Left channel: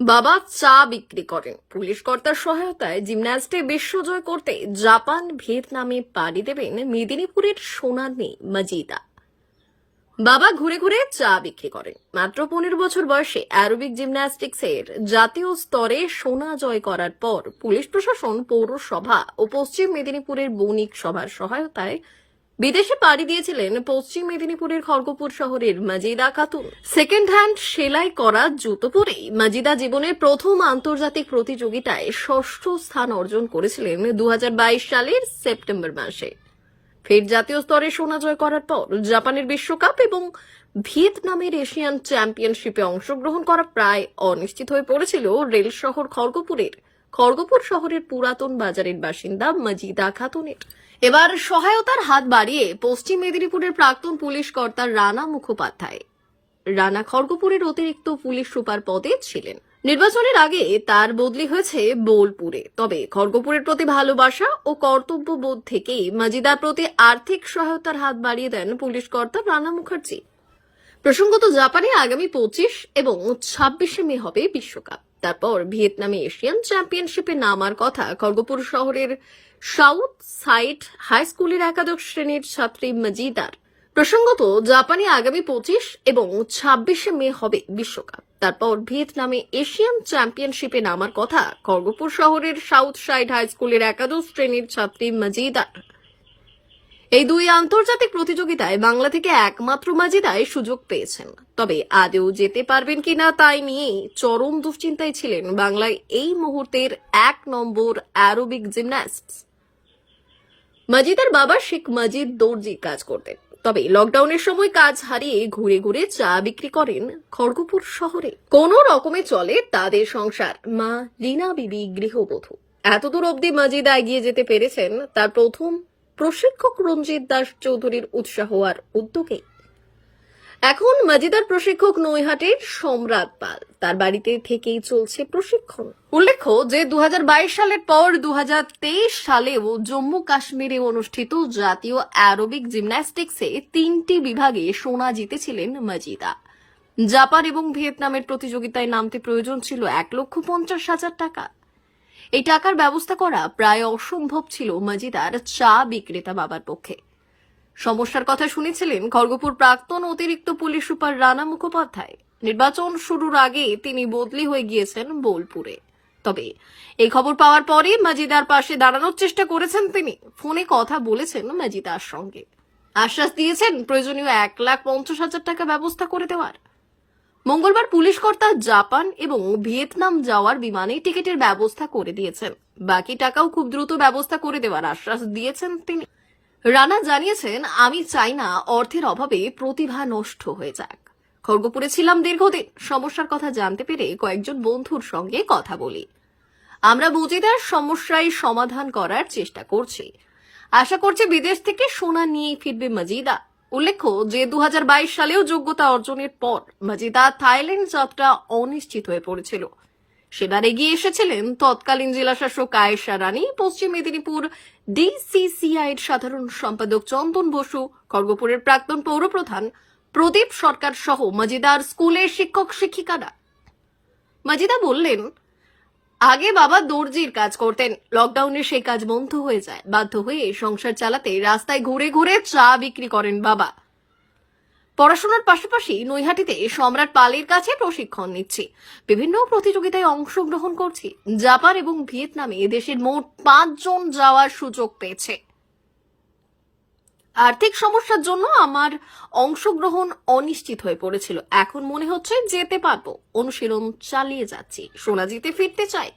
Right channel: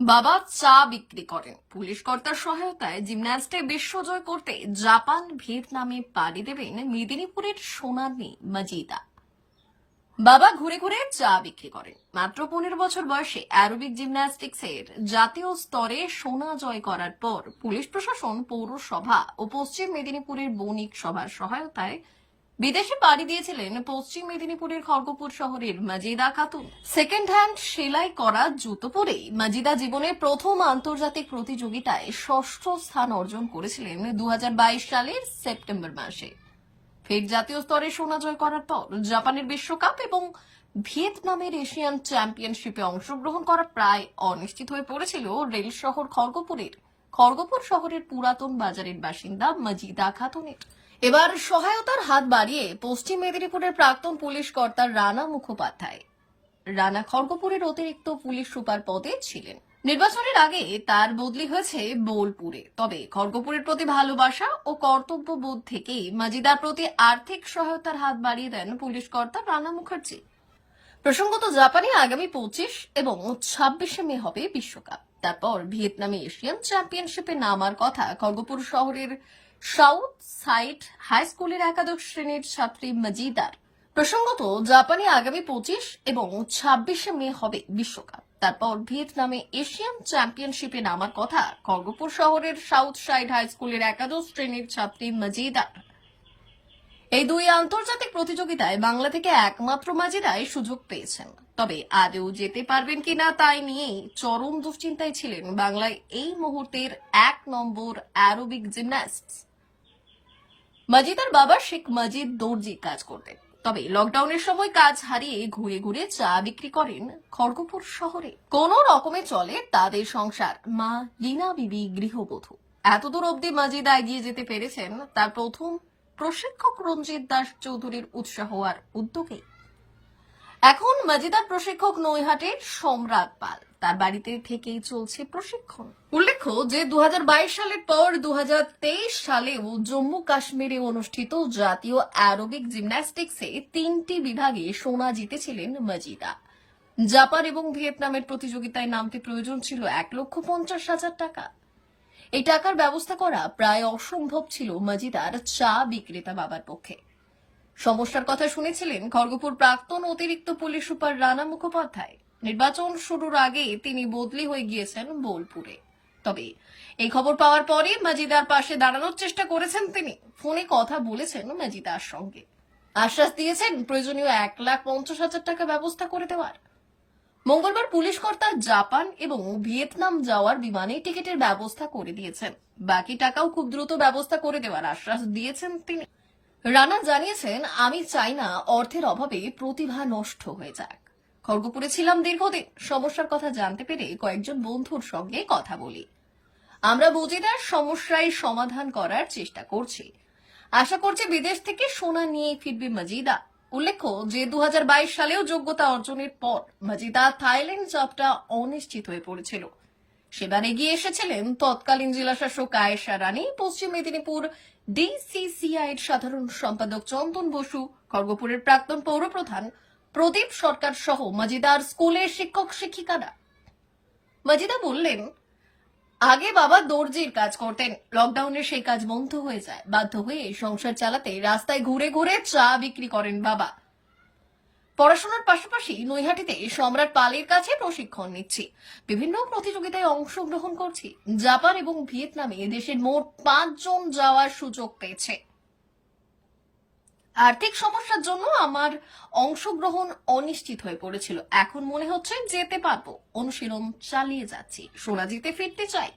বাবা চা বিক্রি করেন। পুলিশ কর্তার সহায়তায় জিমন্যাস্টে বিশ্বজয় করতে জাপান ভিয়েতনামে পাড়ি দেবেন মেদিনীপুরের সোনার মেয়ে মজিদা। বাবা ঘুরে ঘুরে চা বিক্রি করেন। মাত্র পনেরো বছর বয়সে অ্যারোবিক জিমন্যাস্টিক্সের জাতীয় স্তরে সোনা জয় করার পর পুলিশ প্রশাসন পৌরসভা ও পশ্চিম মেদিনীপুরের বণিক সভার সহায়তায় বিদেশে পাড়ি দিয়েছিলেন পশ্চিম মেদিনীপুরের খড়গপুর শহরের মাজিদা খাতুন। সেকেন্ড হ্যান্ড সেলাই করা জুতো পরেই মাজিদা জীবনের প্রথম আন্তর্জাতিক প্রতিযোগিতায় ষষ্ঠ স্থান অর্জন করেছিলেন দু হাজার বাইশ সালের সেপ্টেম্বর মাসে। ফের জাতীয় স্তরে সোনা জয় করার পর জাপানের বিশ্বকাপ এবং ভিয়েতনামের এশিয়ান চ্যাম্পিয়নশিপে অংশগ্রহণ করা প্রায় অনিশ্চিত হয়ে পড়েছিল রেল শহর খড়গপুরের। খড়গপুর শহরের পুরাতন বাজারের বাসিন্দা মজিদা খাতুনের। এবার সহায়তার হাত বাড়িয়ে পশ্চিম মেদিনীপুরের প্রাক্তন পুলিশ কর্তা রানা মুখোপাধ্যায়। রানা খড়গপুরের অতিরিক্ত পুলিশ সুপার পদে ছিলেন। নির্বাচনের আগে তার বদলি হয়েছে বোলপুরে। তবে খড়গপুরের প্রতি ভালোবাসা ও কর্তব্যবোধ থেকেই মাজিদার প্রতি আর্থিক সহায়তার হাত বাড়িয়ে দেন পুলিশ কর্তা রানা মুখার্জি। প্রসঙ্গত জাপানে আগামী পঁচিশ এবং ছাব্বিশে মে হবে বিশ্বকাপ। তারপর ভিয়েতনামে এশিয়ান চ্যাম্পিয়নশিপে নামার কথা খড়গপুর শহরের সাউথ সাইড হাই স্কুলের একাদশ শ্রেণির ছাত্রী মজিদার প্রসঙ্গত জাপানে আগামী পঁচিশ এবং ছাব্বিশে মে হবে বিশ্বকাপ। তারপর ভিয়েতনামে এশিয়ান চ্যাম্পিয়নশিপে নামার কথা খড়গপুর শহরের সাউথ সাইড হাই স্কুলের একাদশ শ্রেণির ছাত্রী মজিদার। এই দুই আন্তর্জাতিক প্রতিযোগিতায় বাংলা থেকে একমাত্র মাজিদাই সুযোগ পেয়েছেন। তবে আদেও যেতে পারবেন কিনা তাই নিয়ে চরম দুশ্চিন্তায় ছিলেন বাংলায় এই মুহূর্তের এক নম্বর অ্যারোবিক জিমন্যাস্ট। মাজিদার বাবা শেখ মাজিদ দর্জি কাজ করতেন। তবে লকডাউনের সময় কাজ হারিয়ে ঘুরে ঘুরে চা বিক্রি করেন খড়গপুর শহরে। কোন রকমে চলে তাদের সংসার। মা রিনা বিবি গৃহবধূ। এতদূর অবধি মাজিদা এগিয়ে যেতে পেরেছেন তার প্রথম প্রশিক্ষক রঞ্জিত দাস চৌধুরীর উৎসাহ আর উদ্যোগে এখন মাজিদার প্রশিক্ষক নৈহাটির সম্রাট পাল। তার বাড়িতে থেকেই চলছে প্রশিক্ষণ। উল্লেখ্য যে দু হাজার বাইশ সালের পর দু সালেও জম্মু কাশ্মীরে অনুষ্ঠিত জাতীয় অ্যারোবিক জিমন্যাস্টিক্সে তিনটি বিভাগে সোনা জিতেছিলেন মাজিদা। জাপান এবং ভিয়েতনামের প্রতিযোগিতায় নামতে প্রয়োজন ছিল এক লক্ষ পঞ্চাশ হাজার টাকা। এই টাকার ব্যবস্থা করা প্রায় অসম্ভব ছিল মাজিদার চা বিক্রেতা বাবার পক্ষে। সমস্যার কথা শুনেছিলেন খড়গপুর প্রাক্তন অতিরিক্ত পুলিশ সুপার রানা মুখোপাধ্যায়। নির্বাচন শুরুর আগে তিনি বদলি হয়ে গিয়েছেন বোলপুরে। তবে এই খবর পাওয়ার পরে মাজিদার পাশে দাঁড়ানোর চেষ্টা করেছেন তিনি। ফোনে কথা বলেছেন মাজিদার সঙ্গে। আশ্বাস দিয়েছেন প্রয়োজনীয় এক লাখ পঞ্চাশ হাজার টাকা ব্যবস্থা করে দেওয়ার। মঙ্গলবার পুলিশ কর্তা জাপান এবং ভিয়েতনাম যাওয়ার বিমানে টিকিটের ব্যবস্থা করে দিয়েছেন। বাকি টাকাও খুব দ্রুত ব্যবস্থা করে দেওয়ার আশ্বাস দিয়েছেন তিনি। রানা জানিয়েছেন, আমি চাই না অর্থের অভাবে প্রতিভা নষ্ট হয়ে যাক। খড়গপুরে ছিলাম দীর্ঘদিন। সমস্যার কথা জানতে পেরে কয়েকজন বন্ধুর সঙ্গে কথা বলি। আমরা মজিদার সমস্যায় সমাধান করার চেষ্টা করছি। আশা করছি বিদেশ থেকে সোনা নিয়ে ফিরবে মজিদা। উল্লেখ্য যে দু হাজার বাইশ সালেও যোগ্যতা অর্জনের পর মজিদা থাইল্যান্ড যাত্রা অনিশ্চিত হয়ে পড়েছিল। সেবার এগিয়ে এসেছিলেন তৎকালীন জেলাশাসক আয়েশা রানী, পশ্চিম মেদিনীপুর ডিসিসিআইয়ের সাধারণ সম্পাদক চন্দন বসু, খড়গপুরের প্রাক্তন পৌরপ্রধান প্রদীপ সরকার সহ মজিদার স্কুলের শিক্ষক শিক্ষিকারা। মজিদা বললেন, আগে বাবা দর্জির কাজ করতেন, লকডাউনে সেই কাজ বন্ধ হয়ে যায়, বাধ্য হয়ে সংসার চালাতে রাস্তায় ঘুরে ঘুরে চা বিক্রি করেন বাবা। পড়াশোনার পাশাপাশি নৈহাটিতে সম্রাট পালের কাছে প্রশিক্ষণ নিচ্ছি। বিভিন্ন প্রতিযোগিতায় অংশগ্রহণ করছি। জাপান এবং ভিয়েতনামে দেশের মোট পাঁচজন যাওয়ার সুযোগ পেয়েছে। আর্থিক সমস্যার জন্য আমার অংশগ্রহণ অনিশ্চিত হয়ে পড়েছিল। এখন মনে হচ্ছে যেতে পারব। অনুশীলন চালিয়ে যাচ্ছি। সোনা জিতে ফিরতে চাই।